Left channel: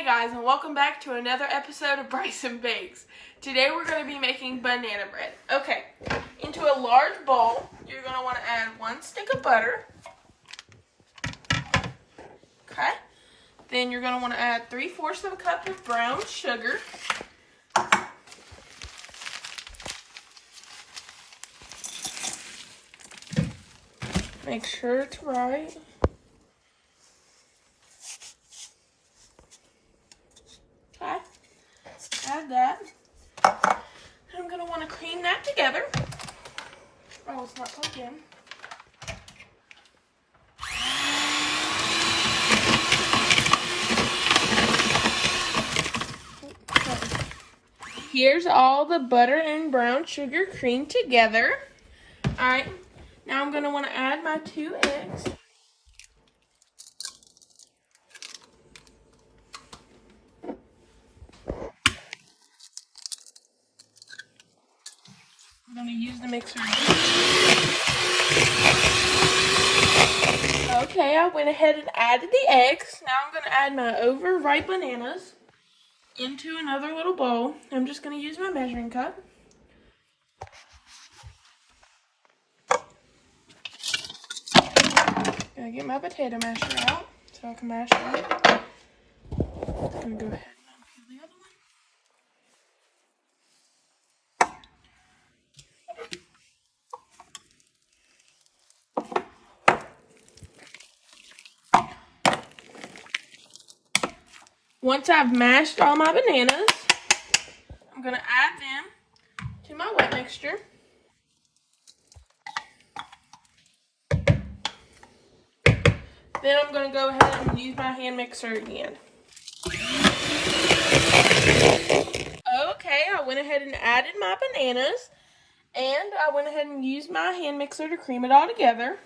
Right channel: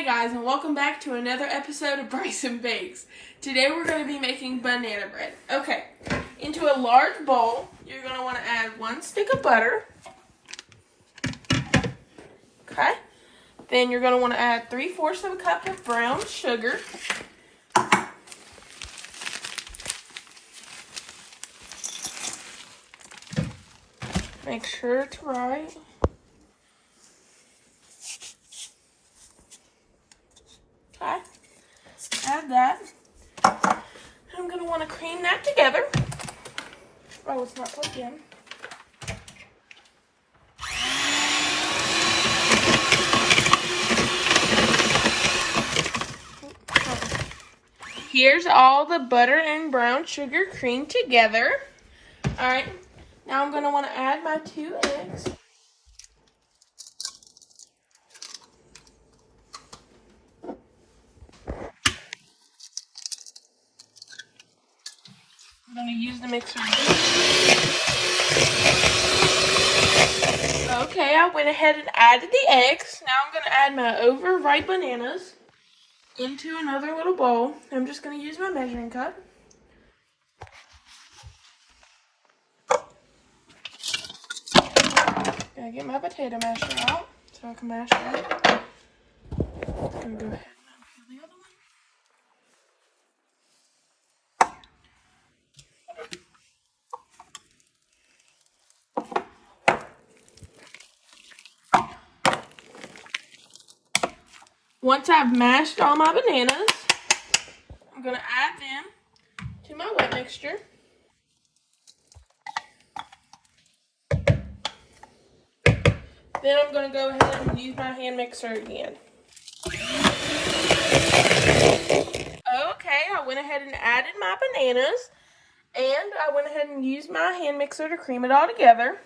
Hey guys, and welcome back to another episode of Bryson Bakes. Today we're going to be making banana bread. Okay, into a large bowl, you're going to want to add 1 stick of butter. Okay, then you're going to want to add 3/4 of a cup of brown sugar. Make sure it's right. Add that. I'm going to want to cream that together. Oh, it's not plugged in. Here's all the butter and brown sugar creamed together. Alright, now I'm going to want to add my 2 eggs. I'm going to use the mixer. Okay, I went ahead and added the eggs. Now I'm going to add my overripe bananas into another little bowl. I'm just going to use my measuring cup. Gotta get my potato masher out so I can mash it up. I'm going to go ahead and unpeel the other one. Once I've mashed all my bananas, I'm going to add them to my wet mixture. Then I'm going to go ahead and use my hand mixer again. Okay, I went ahead and added my bananas, and I went ahead and used my hand mixer to cream it all together.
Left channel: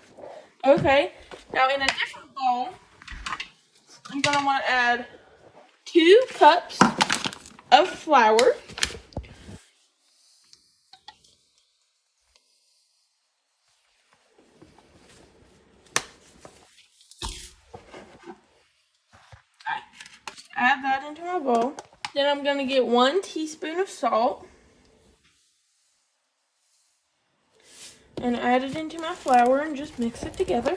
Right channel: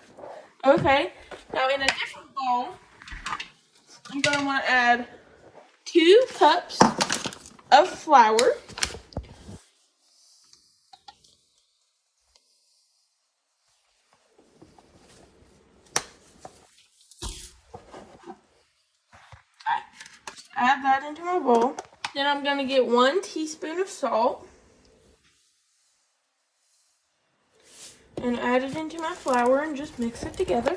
Okay, now in a different bowl, I'm going to want to add 2 cups of flour. Add that into my bowl. Then I'm going to get 1 teaspoon of salt and add it into my flour and just mix it together.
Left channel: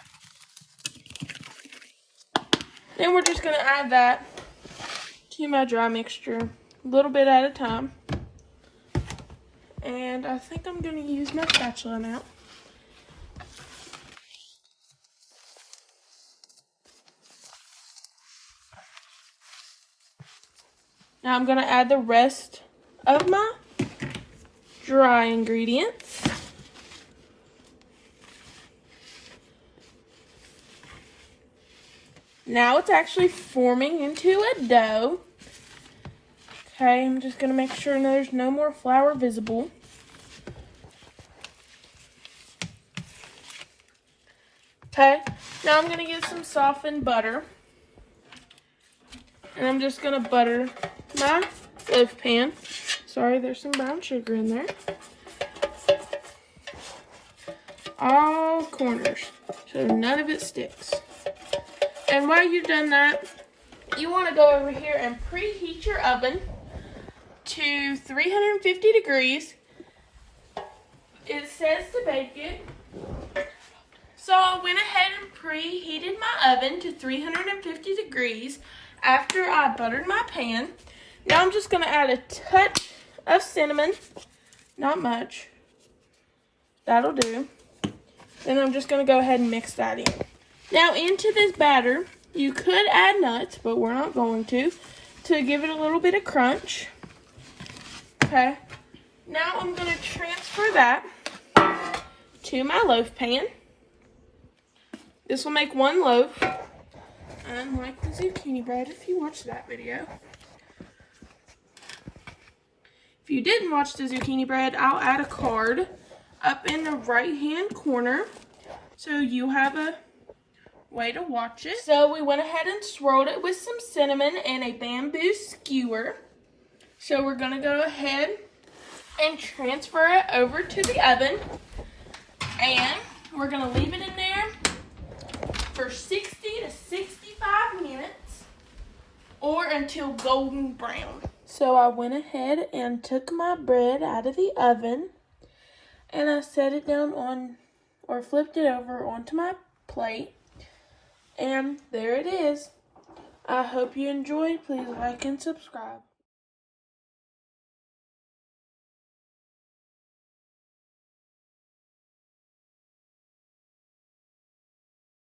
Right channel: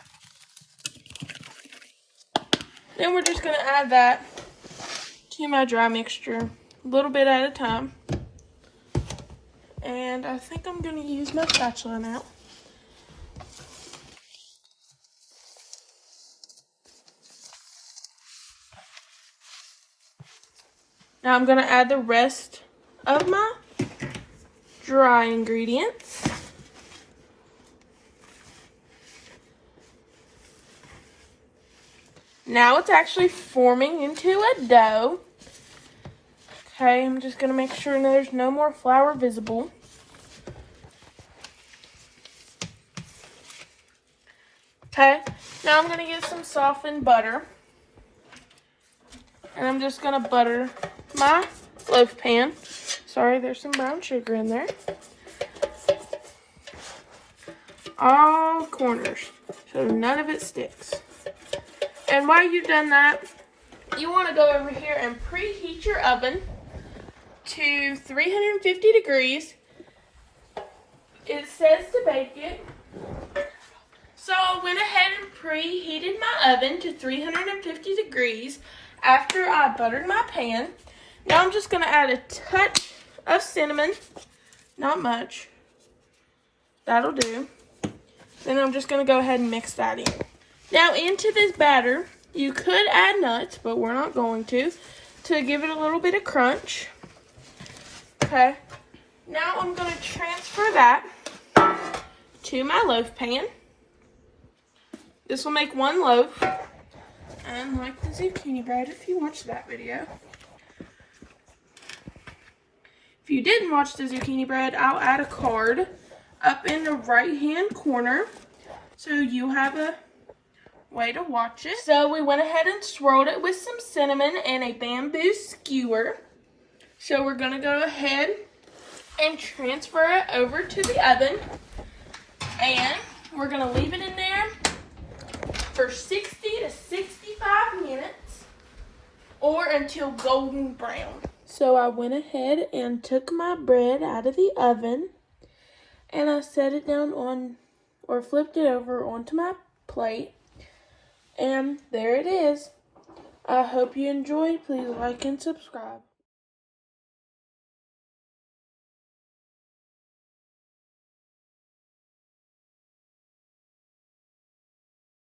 Then we're just going to add that to my dry mixture, a little bit at a time. And I think I'm going to use my spatula now. Now I'm going to add the rest of my dry ingredients. Now it's actually forming into a dough. Okay, I'm just going to make sure there's no more flour visible. Okay, now I'm going to get some softened butter. And I'm just going to butter my loaf pan. Sorry, there's some brown sugar in there. All corners, so none of it sticks. And while you've done that, you want to go over here and preheat your oven to 350 degrees. It says to bake it. So I went ahead and preheated my oven to 350 degrees after I buttered my pan. Now I'm just going to add a touch of cinnamon. Not much. That'll do. Then I'm just going to go ahead and mix that in. Now into this batter, you could add nuts, but we're not going to give it a little bit of crunch. Okay. Now I'm going to transfer that to my loaf pan. This will make 1 loaf. Unlike the zucchini bread, if you watched that video. If you didn't watch the zucchini bread, I'll add a card up in the right-hand corner so you have a way to watch it. So we went ahead and swirled it with some cinnamon and a bamboo skewer. So we're going to go ahead and transfer it over to the oven. And we're going to leave it in there for 60 to 65 minutes. or until golden brown. So I went ahead and took my bread out of the oven and I set it down on, or flipped it over onto my plate. And there it is. I hope you enjoyed. Please like and subscribe.